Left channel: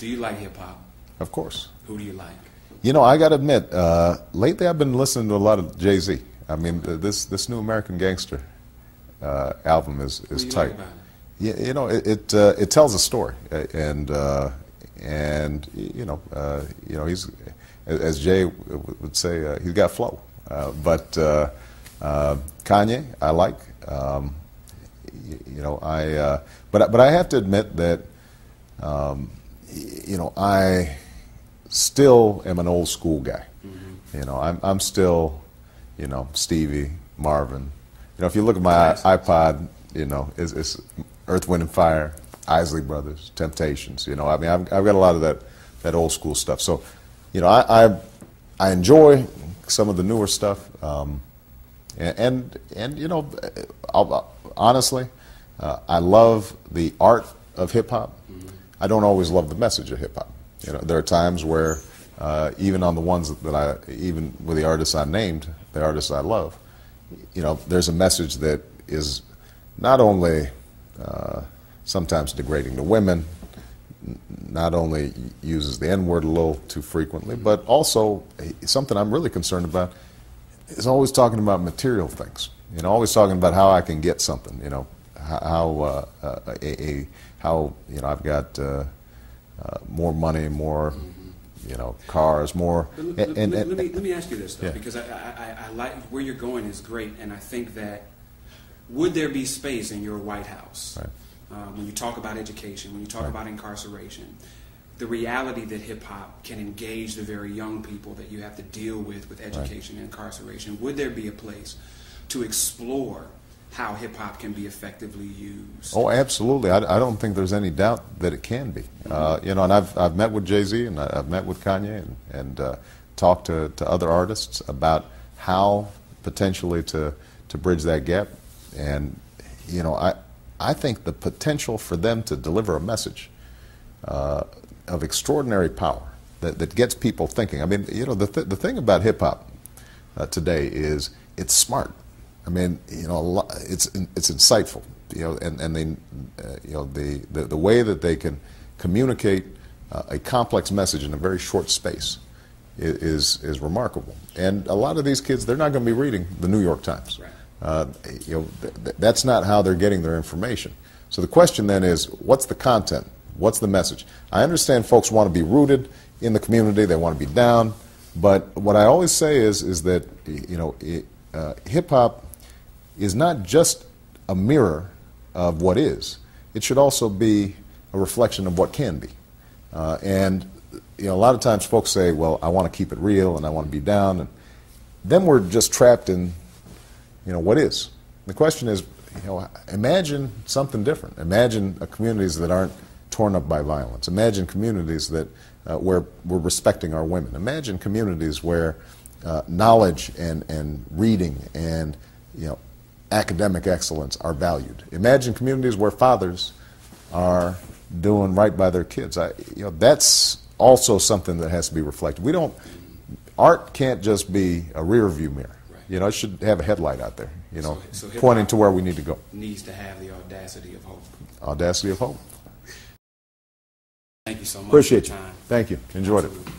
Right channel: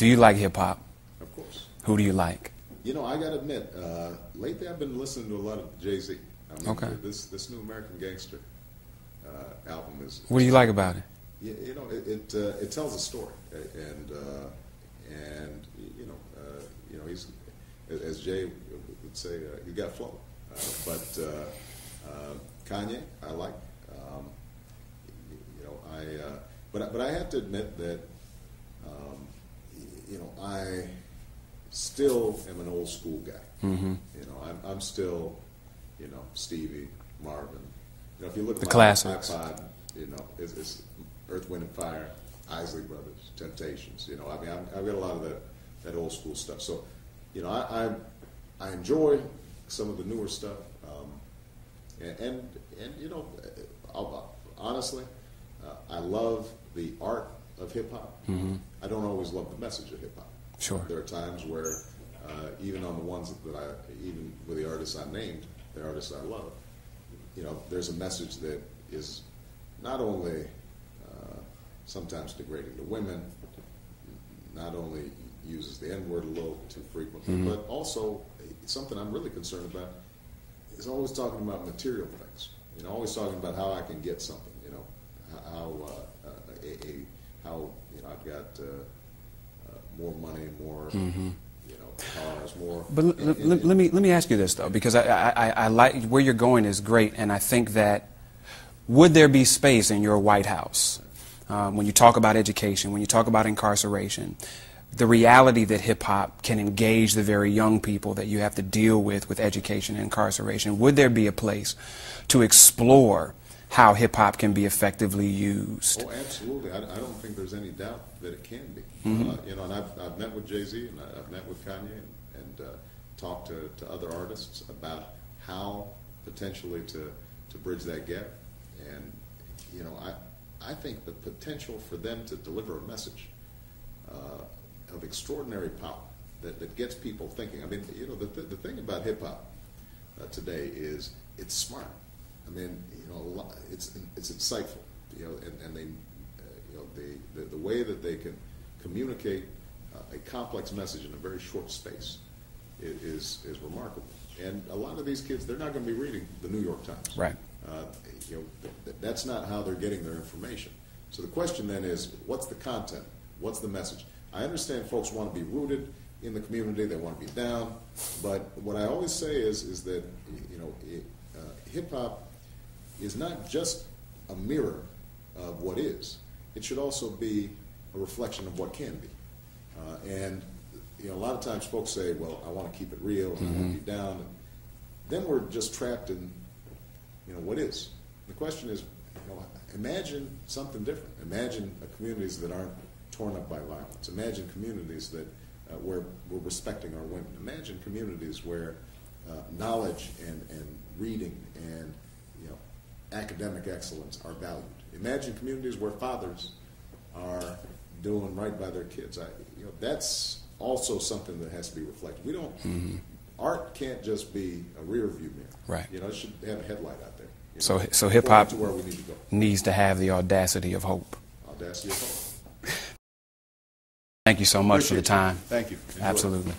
Do you like hip-hop? Of course. Who do you like? You know, I got to admit, lately I've been listening to a lot of Jay-Z. I mean, Okay. this new American Gangster album is What do you tight. like about it? Yeah, you know, it tells a story, and you know, he's, as Jay would say, he's got flow. But Kanye, I like. You know, but I have to admit that you know, I still am an old school guy. Mm-hmm. You know, I'm still, you know, Stevie, Marvin. You know, if you look at my classics. iPod, you know, it's Earth, Wind and Fire, Isley Brothers, Temptations. You know, I mean, I've got a lot of that old school stuff. So, you know, I enjoy some of the newer stuff, and you know, honestly, I love the art of hip hop. Mm-hmm. I don't always love the message of hip hop. Sure. You know, there are times where even on the ones that even with the artists I named, the artists I love, you know, there's a message that is not only sometimes degrading to women, not only uses the N-word a little too frequently, Mm-hmm. but also something I'm really concerned about is always talking about material things. You know, always talking about how I can get something. You know, how you know, I've got more money, more you know, cars, more. But let me ask you this though, Yeah. because I like where you're going is great, and I think that would there be space in your White House when you talk about education, when you talk about incarceration, the reality that hip hop can engage the very young people that you have to deal with education and incarceration? Would there be a place to explore how hip hop can be effectively used? Oh, absolutely. I don't think there's any doubt that it can be. You know, and I've met with Jay-Z and I've met with Kanye and talked to other artists about how potentially to bridge that gap. And you know, I think the potential for them to deliver a message of extraordinary power that gets people thinking. I mean, you know, the thing about hip hop today is it's smart. I mean, you know, it's insightful. You know, and they, you know, the way that they can communicate a complex message in a very short space is remarkable. And a lot of these kids, they're not going to be reading the New York Times. Right. You know, that's not how they're getting their information. So the question then is, what's the content? What's the message? I understand folks want to be rooted in the community. They want to be down. But what I always say is that, you know, hip hop is not just a mirror of what is. It should also be a reflection of what can be. And you know, a lot of times folks say, well, I want to keep it real and I want to be down. And then we're just trapped in, you know, what is. The question is, you know, imagine something different. Imagine communities that aren't torn up by violence. Imagine communities that where we're respecting our women. Imagine communities where knowledge and reading and, you know, academic excellence are valued. Imagine communities where fathers are doing right by their kids. You know, that's also something that has to be reflected. We don't. Art can't just be a rear view mirror. Right. You know, it should have a headlight out there. You know, So hip pointing hop to where we need to go. needs to have the audacity of hope. Audacity of hope. Thank you so much for your Appreciate it. time. Thank you. Enjoyed it. Absolutely.